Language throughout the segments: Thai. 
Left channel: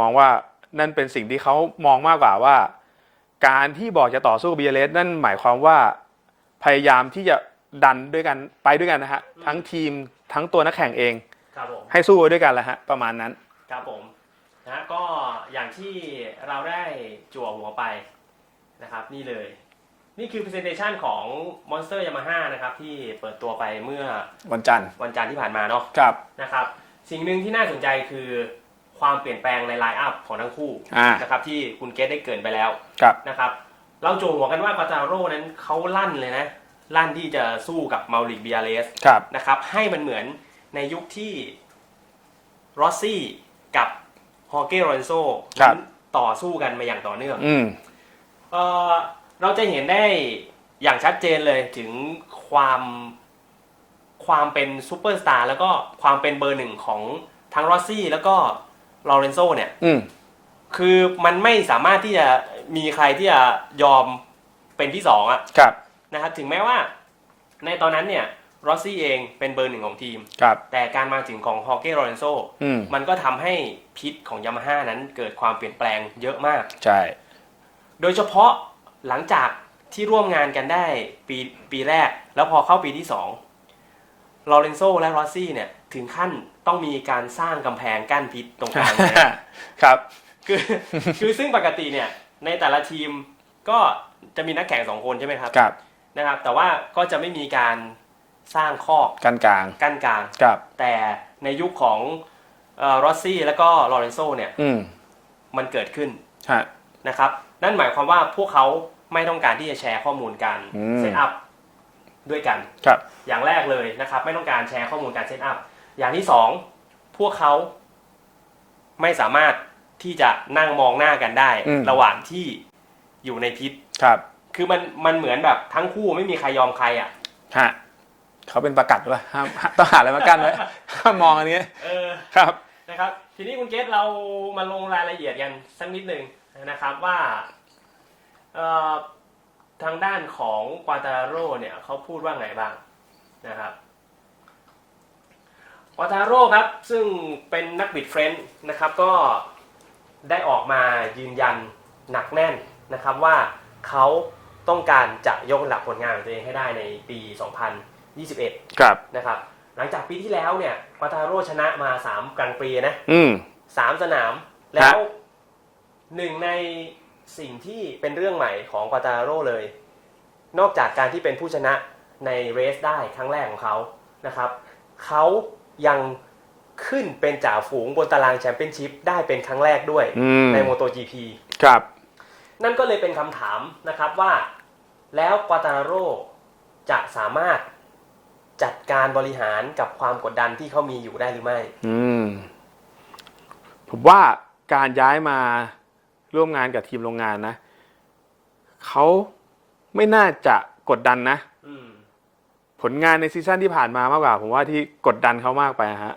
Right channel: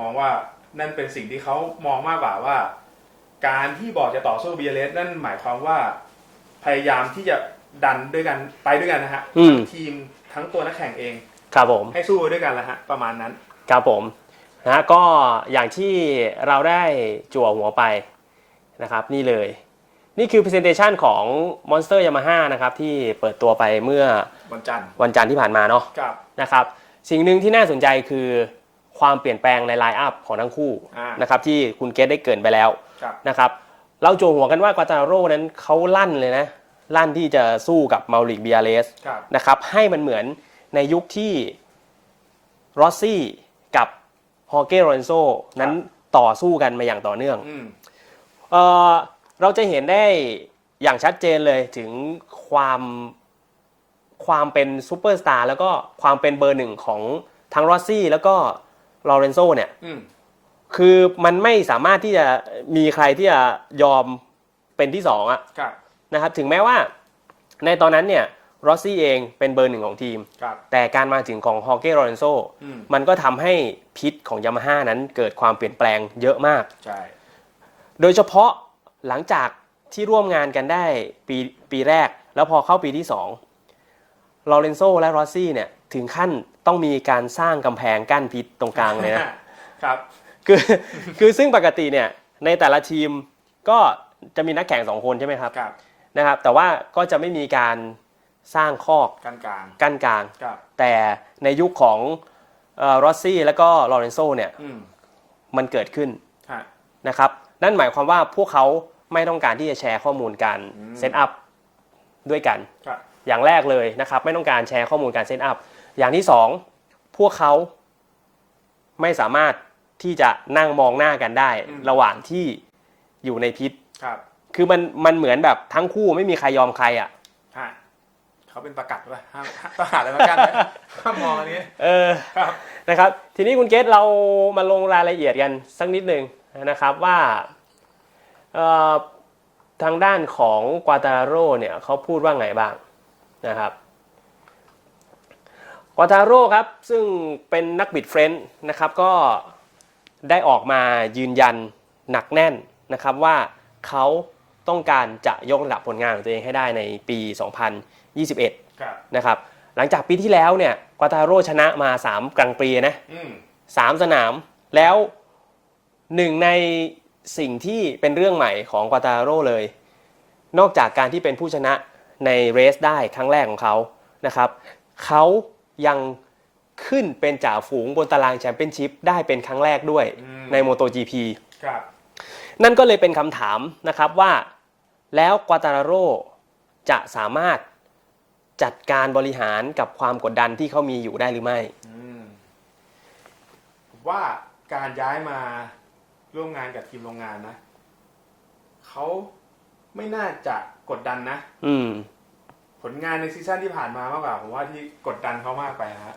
มองว่านั่นเป็นสิ่งที่เขามองมากกว่าว่า การที่บอกจะต่อสู้ BLS นั่นหมายความว่าพยายามที่จะดันด้วยกันไปด้วยกันนะฮะอืมทั้งทีมทั้งตัวนักแข่งเองครับผมให้สู้ไปด้วยกันแหละฮะประมาณนั้นครับผมนะฮะก็อย่างที่เราได้จั่วหัวไปนะครับนี่เลย นี่คือ Presentation ของ Monster Yamaha นะครับที่เปิดตัวไปเมื่อวันจันทร์วันจันทร์ที่ผ่านมาเนาะครับนะครับ สิ่งหนึ่งที่น่าสนใจคือ ความเปลี่ยนแปลงในไลน์อัพของทั้งคู่อ่านะครับที่คุณเกตได้เกรินไปแล้วครับนะครับเราโจวหัวกันว่ากวาตาโร่นั้นเขาลั่นเลยนะ ลั่นที่จะสู้กับมาริกเบียเลสครับนะครับให้มันเหมือนในยุคที่รอสซี่กับฮอเก้โรนโซนั้นต่อสู้กันมาอย่างต่อเนื่องอืมเอ่อเราจะเห็นได้อย่างชัดเจนเลยถึงความความเป็นซูเปอร์สตาร์แล้วก็ความเป็นเบอร์หนึ่งของทั้งรอสซี่แล้วก็ ลอเรนโซเนี่ยอืม คือมันไม่สามารถที่จะมีใครที่จะยอมเป็นที่สองอะครับ นะครับถึงแม้ว่าในตอนนั้นเนี่ยรอสซี่เองเป็นเบอร์หนึ่งของทีม ครับ แต่การมาถึงของฮอเก้โรเรนโซอืม มันก็ทำให้พิษของยามาฮ่านั้นเกิดความเปลี่ยนแปลงเยอะมาก ใช่ โดยเฉพาะหลังจากที่ร่วมงานกันได้ปีปีแรก แล้วพอเข้าปีที่2ลอเรนโซและรอสซี่เนี่ยถึงขั้น ต้องมีการสร้างกำแพงกั้นพิษตรงกลางเลยนะครับ คือคือซึ่งปกติเนี่ยในแต่ละทีมก็จะมีนักแข่งสองคนใช่ไหมครับครับนะครับ แต่ว่าก็จะไม่มีการสร้างคอกกันกลางกั้นกลางครับแต่ในยุคของรอสซี่แล้วก็ลอเรนโซเนี่ยอืมมันเกิดขึ้นฮะนะครับนั่นหมายความว่าพวกเขาไม่ต้องการที่จะแชร์ข้อมูลการอืมเซตอัพด้วยกัน ครับ อย่างแรกเลยนะครับ ไม่ต้องการแชร์ข้อมูลการเซตอัพ อย่างที่สองพวกเขาไม่สามารถที่จะนั่งมองหน้ากันได้ อืม ระหว่างที่อยู่ในพิษ ครับ คือมันมันเหมือนแบบทั้งคู่ไม่มีใครยอมใครอะ ฮะเขาเป็นประกัดวะห้ามต้องหาอะไรมากั้นไหมห้ามมองอันนี้เออ ครับ นะครับ ทีนี้คุณเกตเรามาลงรายละเอียดกันสักนิดหนึ่งนะครับว่าเอ่อทางด้านของกวาตาโร่เนี่ยเขาพูดว่าไงบ้างนะครับก วาตาโร่ครับ ซึ่งเป็นนักบิดเฟรนช์นะครับก็ได้ออกมายืนยันหนักแน่นนะครับว่าเขาต้องการจะยกระดับผลงานของตัวเองให้ได้ในปี 2021 ครับนะครับหลังจากปีที่แล้วเนี่ยกวาตาโร่ชนะมา 3 กลางปีนะอืมสามสนามแล้วหนึ่งในสิ่งที่เป็นเรื่องใหม่ของกวาตาโร่เลย นอกจากการที่เป็นผู้ชนะในเรสได้ครั้งแรกของเขานะครับเขา ยังขึ้นเป็นจ่าฝูงบนตารางแชมเปี้ยนชิพได้เป็นครั้งแรกด้วยอืมใน MotoGP ครับ นั่นก็เลยเป็นคำถามนะครับว่า แล้วกวาตาโร่จะสามารถจัดการบริหารกับความกดดันที่เขามีอยู่ได้หรือไม่อืมผมว่าการย้ายมาร่วมงานกับทีมโรงงานนะเขาไม่น่าจะกดดันนะ อืม ผลงานในซีซั่นที่ผ่านมามากกว่า ผมว่าที่กดดันเขามากไปฮะ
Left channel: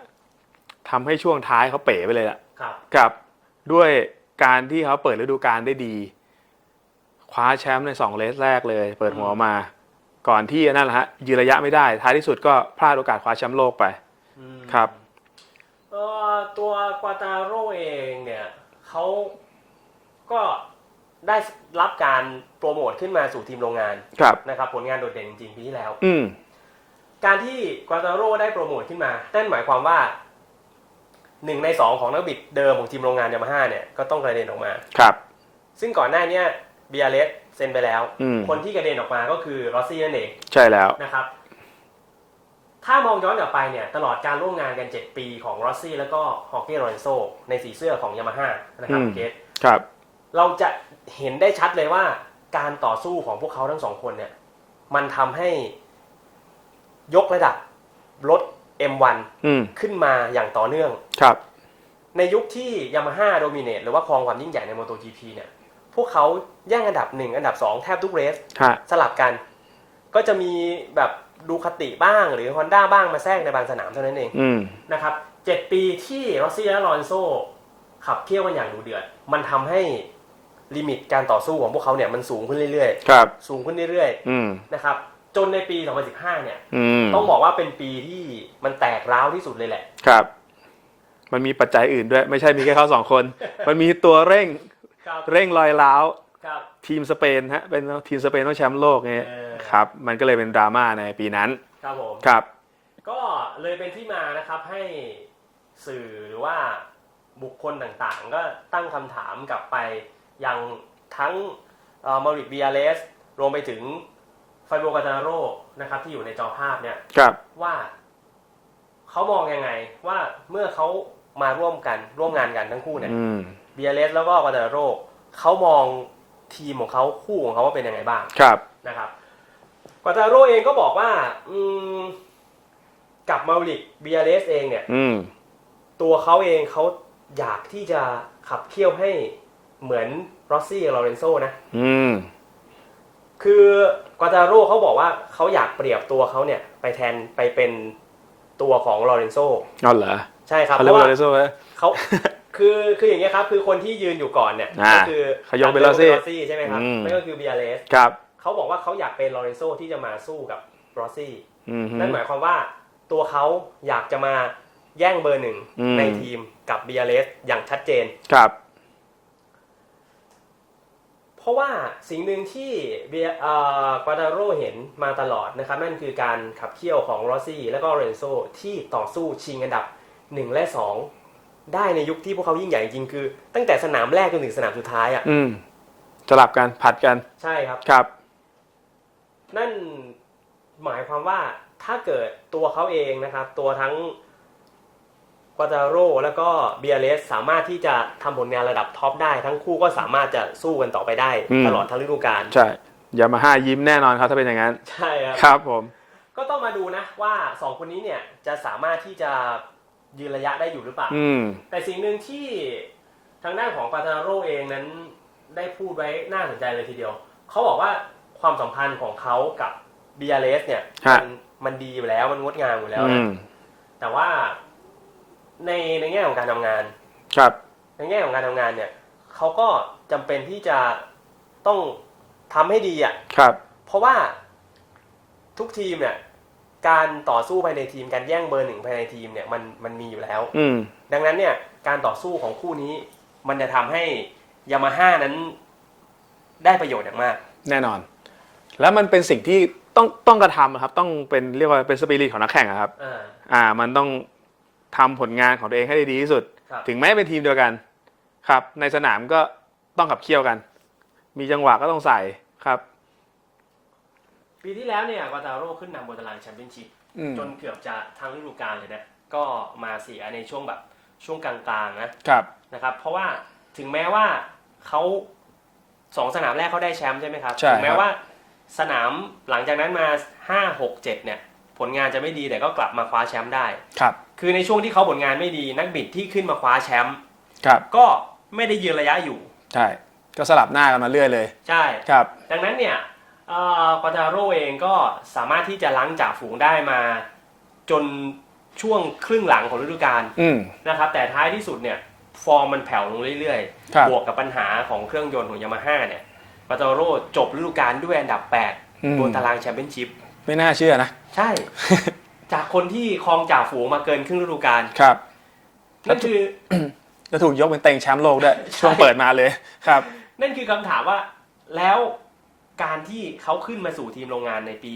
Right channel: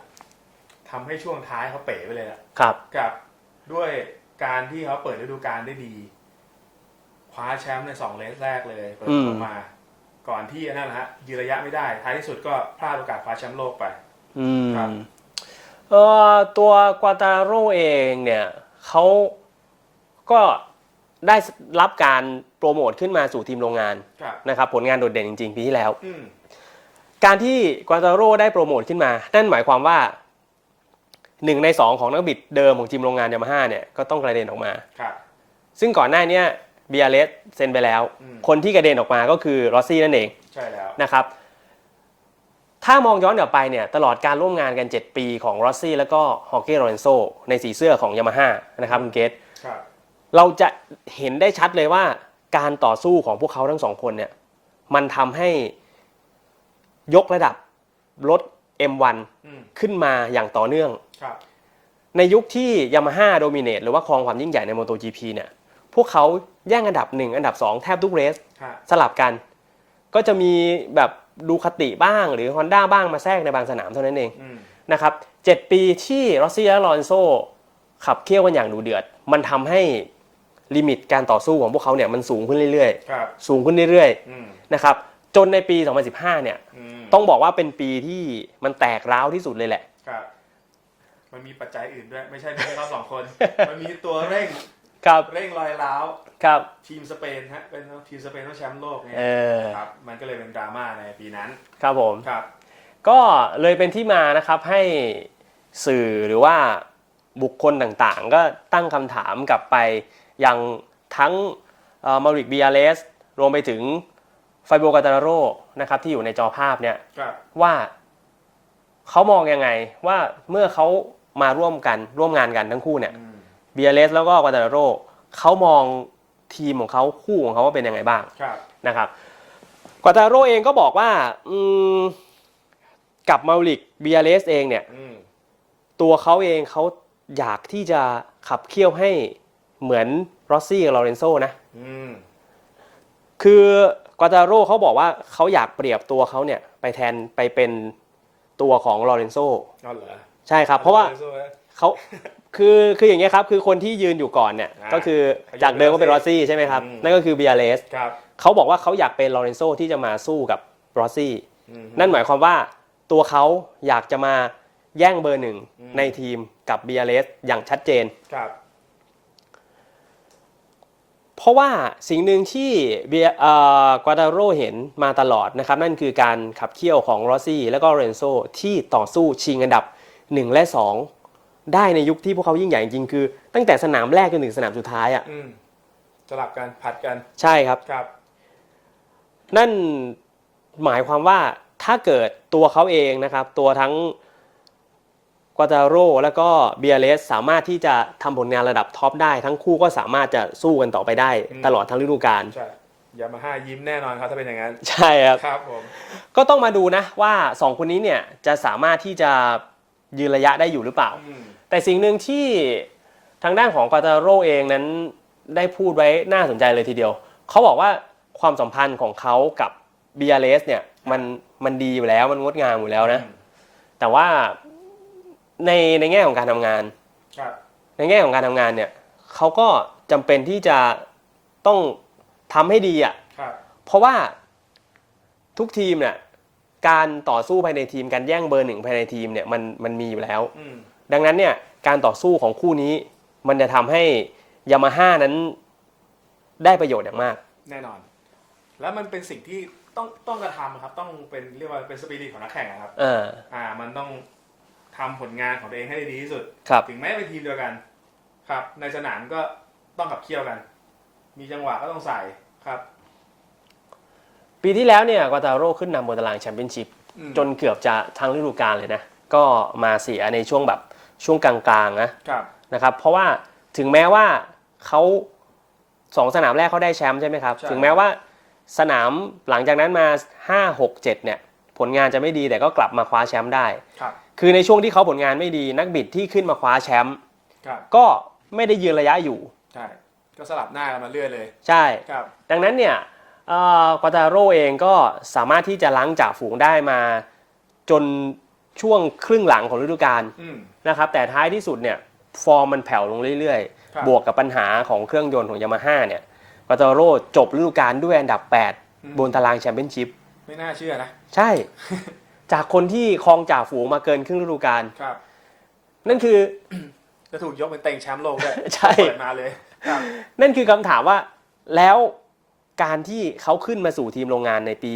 ทำให้ช่วงท้ายเขาเป๋ไปเลยล่ะครับกับด้วยการที่เขาเปิดฤดูกาลได้ดี คว้าแชมป์ในสองเลสแรกเลย เปิดหัวอืมมา ก่อนที่นั่นแหละฮะยืนระยะไม่ได้ ท้ายที่สุดก็พลาดโอกาสคว้าแชมป์โลกไปอืมครับเออตัวกวาตาโร่เองเนี่ยเขาก็ได้รับการโปรโมทขึ้นมาสู่ทีมโรงงานครับนะครับผลงานโดดเด่นจริงๆปีที่แล้วอืม การที่กวาตาโร่ได้โปรโมทขึ้นมา นั่นหมายความว่าหนึ่งในสองของนักบิดเดิมของทีมโรงงานยามาฮ่าเนี่ยก็ต้องกระเด็นออกมา ครับ ซึ่งก่อนหน้าเนี้เบียเลสเซ็นไปแล้ว อืม คนที่กระเด็นออกมาก็คือรอสซี่นั่นเองใช่แล้ว นะครับ ถ้ามองย้อนกลับไปเนี่ยตลอดการร่วมงานกัน 7 ปีของรอสซี่แล้วก็ฮอเก้โรนโซในสีเสื้อของยามาฮ่านะครับอืม คุณเกต ครับ เราจะเห็นได้ชัดเลยว่าการต่อสู้ของพวกเขาทั้งสองคนเนี่ย มันทำให้ ยกระดับรถ M1 อืมขึ้นมาอย่างต่อเนื่อง ครับ ในยุคที่ยามาฮ่าโดมิเนตหรือว่าครองความยิ่งใหญ่ใน MotoGP เนี่ย พวกเขาแย่งอันดับ1อันดับ2แทบทุกเรส ฮะ สลับกัน ก็จะมีแบบดูคาติบ้างหรือ Honda บ้างมาแทรกในบางสนามเท่านั้นเอง อืม นะครับเจ็ดปีที่รอสซี่และลอเรนโซขับเคี่ยวกันอย่างดุเดือด มันทำให้ลิมิตการต่อสู้ของพวกเขาเนี่ยมันสูงขึ้นเรื่อยครับ ๆ สูงขึ้นเรื่อยอืม ๆนะครับ จนในปี 2015 เนี่ยอืมต้องบอกว่าเป็นปีที่มันแตกร้าวที่สุดเลยแหละ ครับ มันมีปัจจัยอื่นด้วย ไม่ใช่มีแค่เขาสองคน มันมีตัวเร่งครับ เร่งรอยร้าวครับ ทีมสเปนฮะเป็นทีมสเปนต้องแชมป์โลกไงเออ ครับ มันก็เลยเป็นดราม่าในปีนั้นครับผม ครับ ก็เลยเป็นที่มานะครับให้สื่อหรือว่าบุคคลต่างๆ ก็ตั้งคำถามกลับไปยังทั้งมาริกบิอาเลสรวมไปถึง ไฟโบกาตาโรนะครับที่อยู่ในจอภาพเนี่ยครับว่าเขามองยังไงว่าเมื่อเขามาร่วมกันร่วมงานกันทั้งคู่เนี่ยอืมเบียเลสแล้วก็กวาตาโรเขามองทีมของเขาคู่ของเขาว่าเป็นยังไงบ้างครับนะครับกวาตาโรเองก็บอกว่าอืมกับมาริกเบียเลสเองเนี่ยอืมตัวเขาเองเขาอยากที่จะขับเคี่ยวให้เหมือนรอสซี่กับลอเรนโซนะอืมคือก วาตาโรเขาบอกว่าเขาอยากเปรียบตัวเขาเนี่ยไปแทนไปเป็นตัวของลอเรนโซเอาเหรอใช่ครับเขาเพเรียกราะว่าว่าอะไรโซ่ไหมเขาคือคืออย่างเงี้ยครับคือคนที่ยืนอยู่ก่อนเนี่ยอ่าก็คือเขายกเป็นจัดดิม Rossi รอสซี่ใช่ไหมครับอืมนั่นก็คือเบียเลสครับเขาบอกว่าเขาอยากเป็นลอเรนโซที่จะมาสู้กับรอสซี่อืมนั่นหมายความว่าตัวเขาอยากจะมาแย่งเบอร์หนึ่งอืมในทีมกับเบียเลสอย่างชัดเจนครับ เพราะว่าสิ่งหนึ่งที่เบียเอ่อกวาดาโรเห็นมาตลอดนะครับ นั่นคือการขับเคี่ยวของรอสซี่และก็เรนโซที่ต่อสู้ชิงอันดับ 1 และ 2 ได้ในยุคที่พวกเขายิ่งใหญ่จริงๆคือ ตั้งแต่สนามแรกจนถึงสนามสุดท้ายอะอืมสลับกันผัดกันใช่ครับครับ นั่นหมายความว่าถ้าเกิดตัวเขาเองนะครับ ตัวทั้ง กวาตาโรแล้วก็เบียเลสสามารถที่จะทำผลงานระดับท็อปได้ ทั้งคู่ก็สามารถจะสู้กันต่อไปได้อืมตลอดทั้งฤดูกาลใช่ยามาฮ่ายิ้มแน่นอนครับถ้าเป็นอย่างนั้น ใช่ครับครับผมก็ต้องมาดูนะว่า 2 คนนี้เนี่ยจะสามารถที่จะยืนระยะได้อยู่หรือเปล่าอืมแต่สิ่งหนึ่งที่ทางด้านของกวาตาโรเองนั้นได้พูดไว้น่าสนใจเลยทีเดียว เขาบอกว่าความสัมพันธ์ของเขากับเบียเลสเนี่ยฮะมันมันดีอยู่แล้วมันงดงามอยู่แล้วนะอืมแต่ว่า ในในแง่ของการทำงาน ครับ ในแง่ของการทำงานเนี่ยเขาก็จำเป็นที่จะต้องทำให้ดีอะ ครับ เพราะว่าทุกทีมเนี่ยการต่อสู้ภายในทีมการแย่งเบอร์หนึ่งภายในทีมเนี่ยมันมันมีอยู่แล้ว อืม ดังนั้นเนี่ยการต่อสู้ของคู่นี้ มันจะทำให้ยามาฮ่านั้นได้ประโยชน์อย่างมาก แน่นอน แล้วมันเป็นสิ่งที่ต้องต้องกระทำอะครับ ต้องเป็นเรียกว่าเป็นสปิริตของนักแข่งอะครับ เออ อ่า มันต้อง ทำผลงานของตัวเองให้ได้ดีที่สุดครับถึงแม้เป็นทีมเดียวกันครับ ในสนามก็ต้องขับเคี่ยวกัน มีจังหวะก็ต้องใส่ครับ ปีที่แล้วเนี่ยกวาตาโร่ขึ้นนำบนตารางแชมเปี้ยนชิพอืมจนเกือบจะทั้งฤดูกาลเลยนะ ก็มาเสียในช่วงแบบช่วงกลางๆนะครับนะครับ เพราะว่าถึงแม้ว่าเขาสองสนามแรกเขาได้แชมป์ใช่ไหมครับใช่ถึงแม้ว่าสนามหลังจากนั้นมา5 6 7เนี่ย ผลงานจะไม่ดีแต่ก็กลับมาคว้าแชมป์ได้ครับ คือในช่วงที่เขาผลงานไม่ดีนักบิดที่ขึ้นมาคว้าแชมป์ครับ ก็ไม่ได้ยืนระยะอยู่ ใช่ ก็สลับหน้ากันมาเรื่อยเลย ใช่ครับ ดังนั้นเนี่ยเอ่อกวาตาโร่เองก็สามารถที่จะล้างจ่าฝูงได้มา จนช่วงครึ่งหลังของฤดูกาลอืมนะครับ แต่ท้ายที่สุดเนี่ยฟอร์มมันแผ่วลงเรื่อยครับๆบวกกับปัญหาของเครื่องยนต์ของยามาฮ่าเนี่ยกวาตาโร่จบฤดูกาลด้วยอันดับอืม8บนตารางแชมเปี้ยนชิพ ไม่น่าเชื่อนะ ใช่ จากคนที่ครองจ่าฝูงมาเกินครึ่งฤดูกาลครับ นั่นคือ แล้วถูกยกเป็นเต็งแชมป์โลกด้วยใช่ ช่วงเปิดมาเลยครับ นั่นคือคำถามว่าแล้วการที่เขาขึ้นมาสู่ทีมโรงงานในปี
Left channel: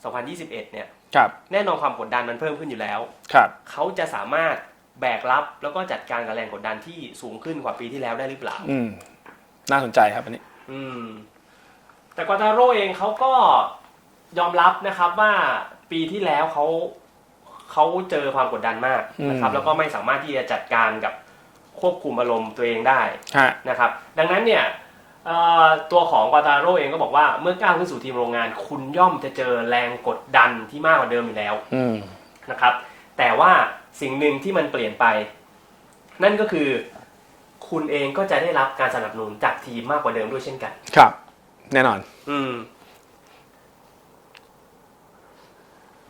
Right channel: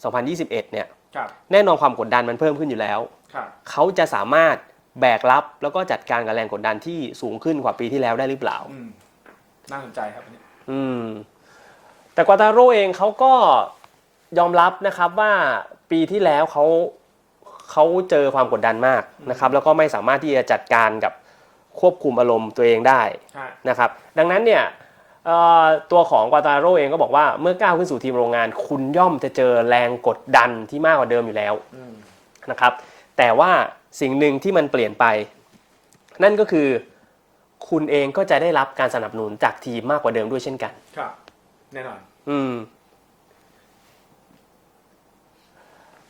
2021 เนี่ย ครับแน่นอนความกดดันมันเพิ่มขึ้นอยู่แล้ว ครับเขาจะสามารถแบกรับแล้วก็จัดการกับแรงกดดันที่สูงขึ้นกว่าปีที่แล้วได้หรือเปล่า อืมน่าสนใจครับอันนี้ อืม แต่กวาตาโร่เองเขาก็ ยอมรับนะครับว่าปีที่แล้วเขาเขาเจอความกดดันมากนะครับอืมแล้วก็ไม่สามารถที่จะจัดการกับควบคุมอารมณ์ตัวเองได้ฮะนะครับ ดังนั้นเนี่ยเอ่อตัวของกวาตาโร่เองก็บอกว่าเมื่อก้าวขึ้นสู่ทีมโรงงาน คุณย่อมจะเจอแรงกดดันที่มากกว่าเดิมอยู่แล้วอืมนะครับ แต่ว่าสิ่งหนึ่งที่มันเปลี่ยนไป นั่นก็คือ คุณเองก็จะได้รับการสนับสนุนจากทีมมากกว่าเดิมด้วยเช่นกัน ครับ แน่นอน อืม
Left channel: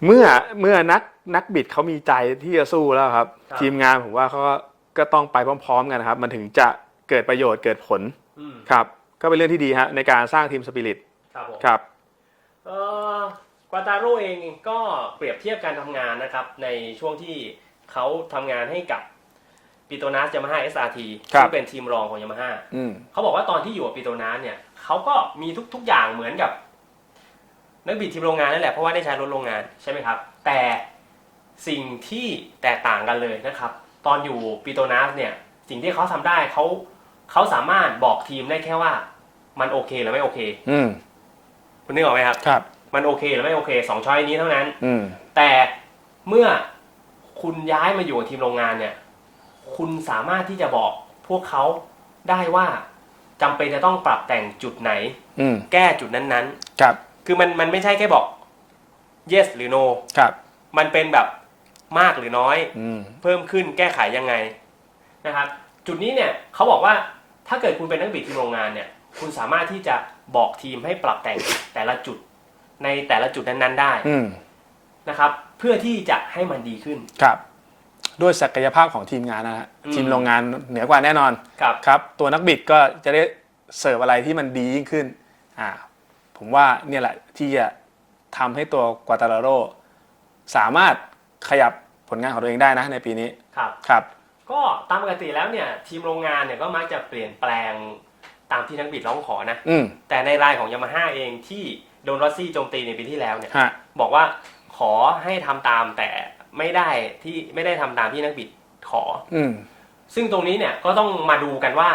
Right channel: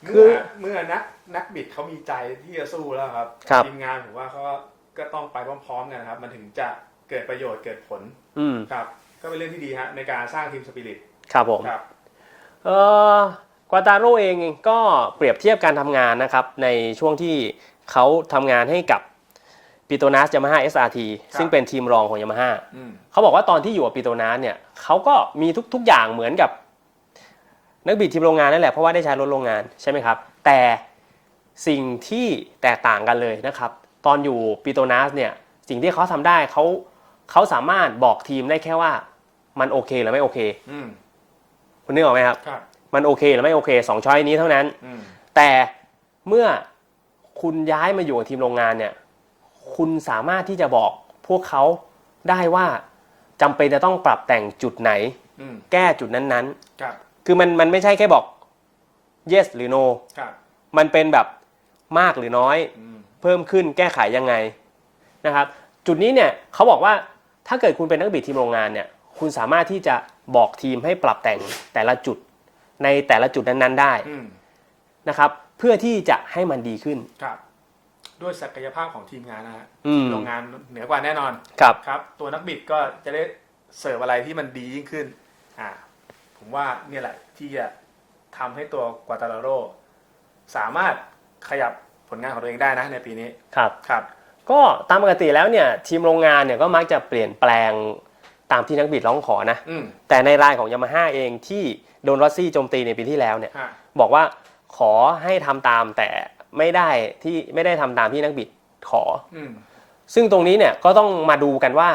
เมื่อเมื่อนักนักบิดเขามีใจที่จะสู้แล้วครับ ครับ ทีมงานผมว่าเขาก็ก็ต้องไปพร้อม ๆ กันนะครับ มันถึงจะเกิดประโยชน์เกิดผลอืมครับ ก็เป็นเรื่องที่ดีฮะในการสร้างทีมสปิริตครับผม ครับ เออกวาตาโร่เองก็เปรียบเทียบการทำงานนะครับ ในช่วงที่เขาทำงานให้กับปิโตนัสยามาฮ่า SRT ครับ ซึ่งเป็นทีมรองของยามาฮ่าอืม เขาบอกว่าตอนที่อยู่กับปิโตนัสเนี่ยเขาก็มีทุก ๆ อย่างเหมือนกับ นักบิดทีมโรงงานนั่นแหละเพราะว่าได้ใช้รถโรงงานใช่ไหมครับ แต่สิ่งที่แตกต่างกันเลยนะครับ ตอนอยู่ปิโตนัสเนี่ยสิ่งที่เขาทำได้เขาเขาสามารถบอกทีมได้แค่ว่ามันโอเคหรือไม่โอเค อืมคุณนึกออกไหมครับครับ มันโอเคหรือไม่โอเคสองช้อยนี้เท่านั้น อืมแต่เมื่อคุณย้ายมาอยู่กับทีมโรงงานเนี่ย คุณสามารถที่จะบอกพวกเขาได้ว่าจำเป็นจะต้องปรับแต่งจุดไหนอืมแก้จุดนั้นครับๆ คือมันมันไม่ใช่แค่บอก yes หรือ no ครับ มันเป็นแบบมากหรือน้อย อืม เพิ่มขึ้นแก้ไขยังไงนะครับ จุดนี้เนี่ยเขาบอกว่าถ้าเกิดคุณเป็นนักบิดทีมโรงงานเนี่ย คุณสามารถที่จะบอกทีมให้ปรับแต่งแต่ละจุดในแต่ละจุดนั้นๆได้อืม นะครับ เพื่อที่จะให้มันดีขึ้น ครับ ด้วยศักยภาพของทีมงานนะฮะอืม ทีมโรงงานเหนือกว่าแน่นอน ครับ ครับ ตัวนักบิดก็จะได้เสิร์ฟอะไรที่มันดียิ่งขึ้น อ่า ผมว่าเนี่ยแหละที่จะทำให้ตัวกวาตาลาโรสามารถขยับผลงานของตัวเองได้นะในปีนี้ครับ ครับ ก็ตามปกติแล้วเนี่ยทีมโรงงานเนี่ยก็มักจะเปลี่ยนแปลงตามที่นักบิดร้องขอนะ อืม แต่ในรายของยามาฮ่าเองที่โดนรอสซี่โจมตีในปีที่แล้วเนี่ย ฮะ บอกว่าขอให้ทำตามแต่ไม่ได้ที่ไม่ได้ทำตามที่นักบิดขอ อืม ซึ่งตรงนี้เนี่ยก็ต้องมาดูกันว่า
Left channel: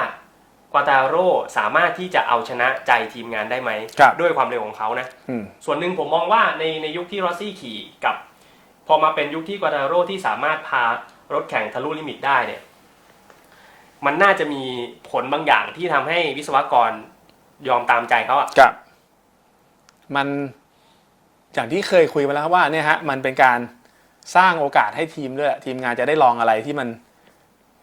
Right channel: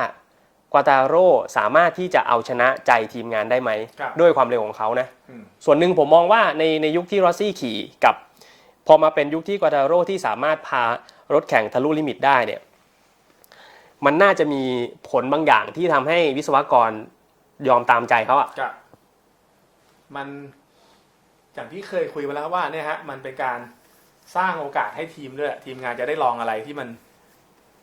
กวาตาโร่สามารถที่จะเอาชนะใจทีมงานได้ไหม ครับด้วยความเร็วของเขานะ อืม ส่วนหนึ่งผมมองว่าในในยุคที่รอสซี่ขี่กับ พอมาเป็นยุคที่กวาตาโร่ที่สามารถพารถแข่งทะลุลิมิตได้เนี่ย มันน่าจะมีผลบางอย่างที่ทำให้วิศวกรยอมตามใจเขาอะ ครับ มันอย่างที่เคยคุยมาแล้วครับว่าเนี่ยฮะมันเป็นการสร้างโอกาสให้ทีมด้วยทีมงานจะได้ลองอะไรที่มัน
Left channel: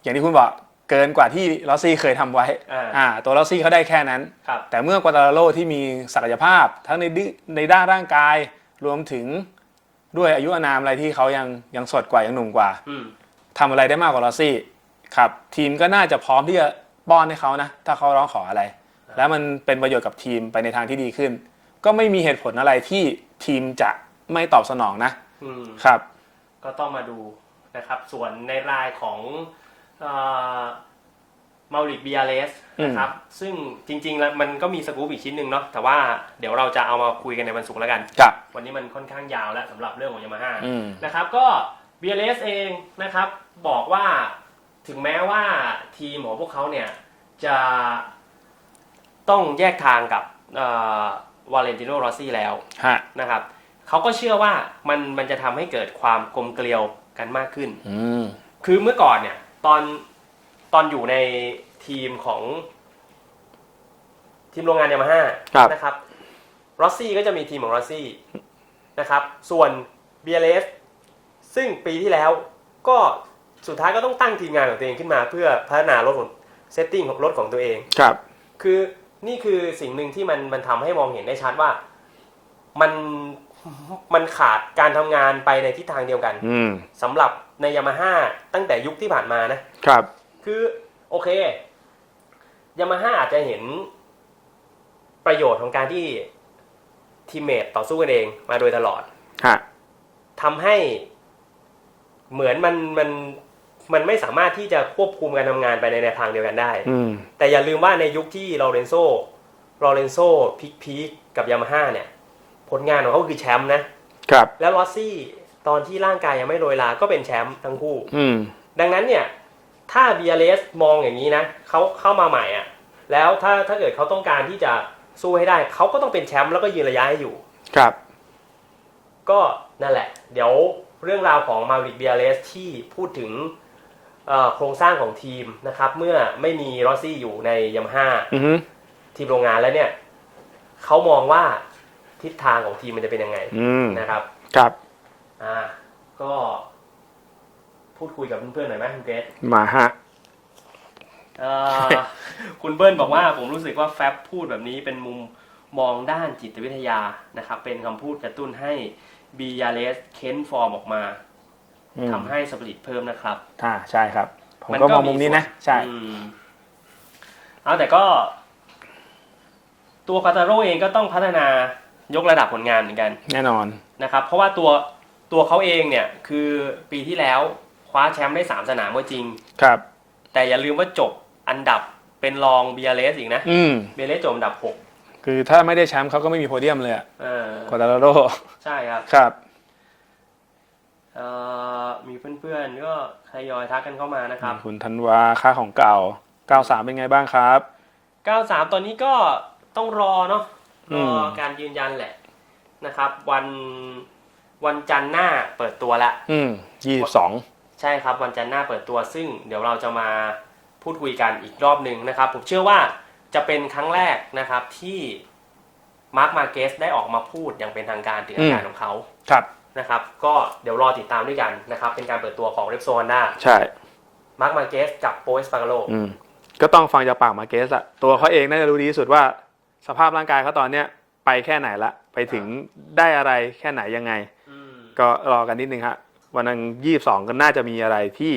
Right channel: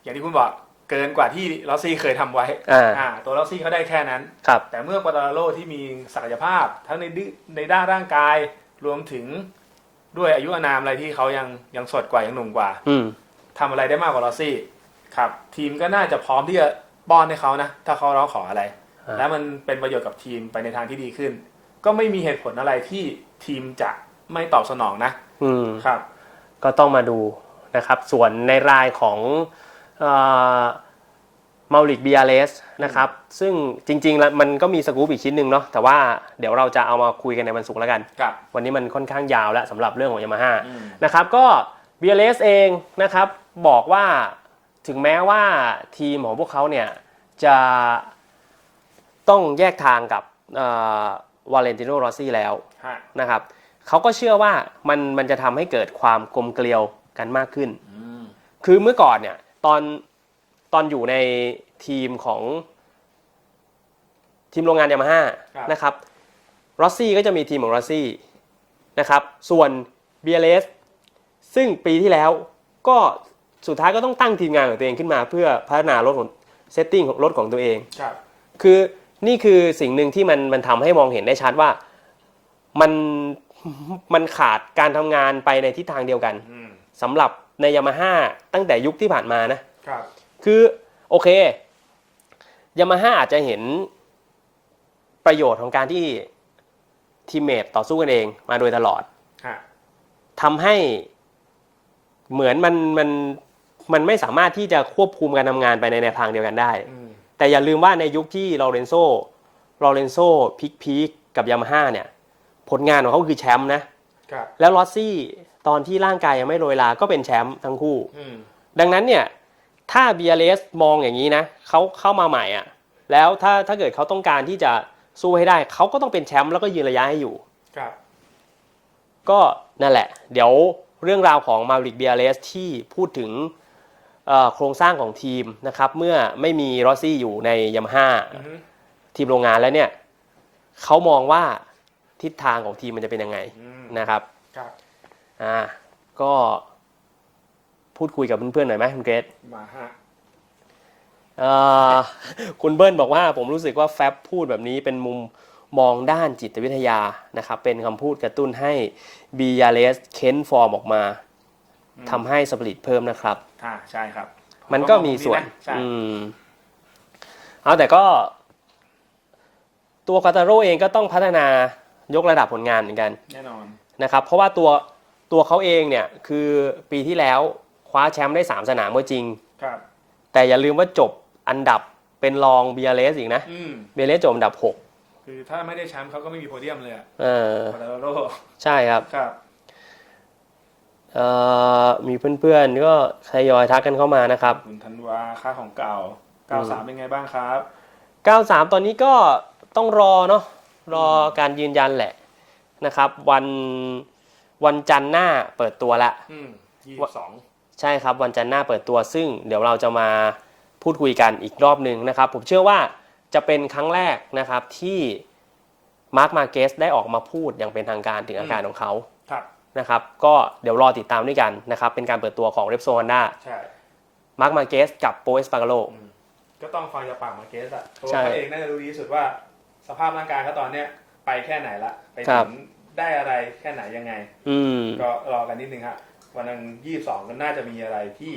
อย่างที่คุณบอก เกินกว่าที่ลอสซี่เคยทำไว้อ่าอ่าตัวลอสซี่เขาได้แค่นั้น ครับแต่เมื่อกวาตาลาโรที่มีศักยภาพทั้งในดิในด้านร่างกายรวมถึงด้วยอายุอานามอะไรที่เขายังยังสดกว่ายังหนุ่มกว่าอืมทำอะไรได้มากกว่าลอสซี่ครับ ทีมก็น่าจะพร้อมที่จะป้อนให้เขานะ ถ้าเขาร้องขออะไรอ่าแล้วมันเป็นประโยชน์กับทีมไปในทางที่ดีขึ้น ก็ไม่มีเหตุผลอะไรที่ทีมจะไม่ตอบสนองนะอืม ครับ ก็ต้องมาดูนะครับ ส่วนในรายของ มาลิกบีอาเลสนะครับ ซึ่งจริงๆแล้วมันก็มีสกู๊ปอีกชิ้นหนึ่งเนาะแต่ว่าเดี๋ยวเราจะเอามาคุยกันในวันศุกร์แล้วกันครับวันนี้มันค่อนข้างยาวแล้วสำหรับเรื่องของยามาฮ่าอืมนะครับก็ BLS เองนะครับบอกว่าถึงแม้ว่าทีมของพวกเขาเนี่ยจะต้องแยกทางกับวาเลนติโนรอซี่แล้วฮะนะครับเขาก็เชื่อว่ามันมันจะทำให้เกิดความกลมเกลียวกันมากขึ้นอืมคือเมื่อก่อนเนี่ย ตอนตอนอยู่ในทีมของทีมโรงงานยามาฮ่าครับ นะครับรอสซี่ก็จะมีทีมของรอสซี่นะครับ ส่วน BLS ซึ่งปีที่แล้วก็สุดท้ายก็ต้องตั้งทีมงานของตัวเองขึ้นมาเพื่อพัฒนารถของเซตติ้งของรถของตัวเอง ครับ คือนี่คือสิ่งหนึ่งที่มันมันทำให้มองเห็นได้ชัดว่ามันมันขาดการทำงานไปในทิศทางเดียวกันอืม สำหรับ ในยามาฮ่าตั้งแต่ยุคที่ผ่านมานะครับ คือโอเคยามาฮ่าอาจจะเห็นประโยชน์ของการที่ทีมเมทต่อสู้กันเองมาโดยตลอดฮะทำให้เหมือนมันมันมันไม่สามารถที่จะควบคุมการทำงานไปในแนวทางเดียวกันได้อืมแต่อย่าลืมว่าในยุคที่ลอเรนโซลอเรนโซพิกพีกกับยามาฮ่าเนี่ย ผลงานของเขาคือแชมป์นะ ครับ แล้วลอสซี่ ตอนที่ร่างกายยังไม่โรยลาก็เป็นแชมป์ทั้งคู่ อืม ดังนั้นเนี่ย ถ้า BLS มองอย่างนี้นะเขาเข้ามาใหม่อะ แล้วถ้าถ้าเกิดเขาต้องการที่จะสู้ให้ได้เขาก็ต้องเป็นแชมป์แล้วก็ยืนระยะให้อยู่ ครับ ก็นั่นแหละ เดี๋ยวเรื่องราวของมาริก BLS ที่พูดถึงเอ่อโครงสร้างของทีมนะครับ เมื่อไม่มีรอสซี่อยู่ในยามาฮ่าอือฮึทีมโรงงานแล้วเนี่ยเขามองว่าทิศทางของทีมมันจะเป็นยังไงอืมนะครับ ครับ อ่าก็พูดคุยกับเพื่อนๆหน่อยไหมคุณเกรซมาฮะ เอ่อ คุณเบิ้ลบอกว่าผมรู้สึกว่าแฟบพูดแบบนี้เป็นมุมมองด้านจิตวิทยานะครับ เป็นคำพูดกระตุ้นให้บียาเลสเค้นฟอร์มออกมาอืม ทำให้สปริตเพิ่มนะครับ อ่าใช่ครับผมันก็องมีนี้ส่วนนะใช่ อืมเอาแต่ก็ ตัวคาตาโร่เองก็ต้องพัฒนายกระดับผลงานเหมือนกันแน่นอน นะครับ เพราะว่าตัว ตัวเขาเองเนี่ยคือปีที่แล้วคว้าแชมป์ได้ 3 สนามก็จริง ครับ แต่อย่าลืมว่าจบอันดับเป็นรองเบียเลสอีกนะอืมเบียเลสจบอันดับคือถ้าไม่ได้แชมป์เขาก็ไม่มีโพเดียมเลยอะ6เออควาตาโรใช่ครับ ครับ เอ่อมีเพื่อนๆก็ทยอยทักกันเข้ามานะครับ คุณธันวาค่าของเก่า 93 เป็นไงบ้างครับ 93 ตอนนี้ก็ต้องรอเนาะรออม การยืนยันแหละนะครับ วัน วันจันทร์หน้าเปิดตัวละอืม22ใช่ครับวันจันทร์หน้าเปิดตัวซึ่งเดี๋ยวเราจะมาพูดคุยกันอีกรอบหนึ่งนะครับ ผมเชื่อว่าจะเป็นครั้งแรกนะครับที่มาร์คมาเกสได้ออกมาพูดอย่างเป็นทางการถึงอาการของเขาครับนะครับก็เดี๋ยวรอติดตามด้วยกันนะครับเป็นการเปิดตัวของเรปโซฮอนด้าใช่มาร์คมาเกสกับโปเอสปาโกโลอืมก็ต้องฟังจากปากมาเกสอะตัวใช่เขาเองน่าจะรู้ดีที่สุดว่า สภาพร่างกายเขาตอนเนี้ยไปแค่ไหนละไป ถึครังบได้อะไรแค่ไหนยังไง อืมก็รอกันนิดนึงฮะวันนั้นยี่สองก็น่าจะมีอะไรที่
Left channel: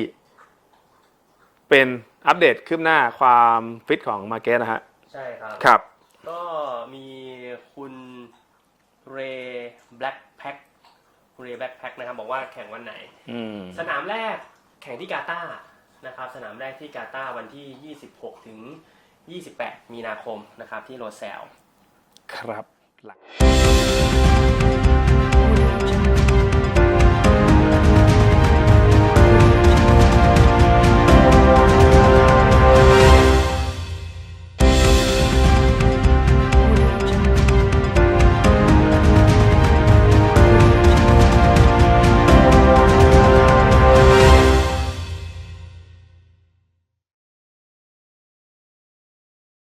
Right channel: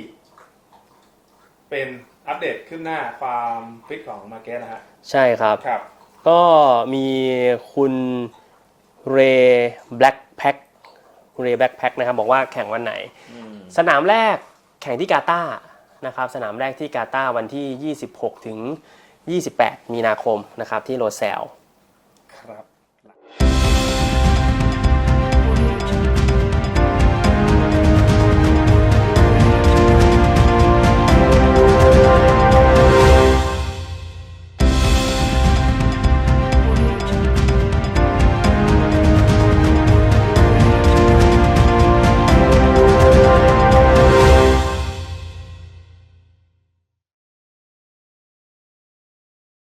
เป็นอัปเดตคืบหน้าความฟิตของมาเกสนะฮะใช่ครับ ครับ ก็มีคุณเรย์แบล็กแพ็คคุณเรย์แบล็กแพ็คนะครับ บอกว่าแข่งวันไหนอืมสนามแรกแข่งที่กาตาร์นะครับ สนามแรกที่กาตาร์วันที่ 26 ถึง 28 มีนาคมนะครับ ที่โรเซลครับ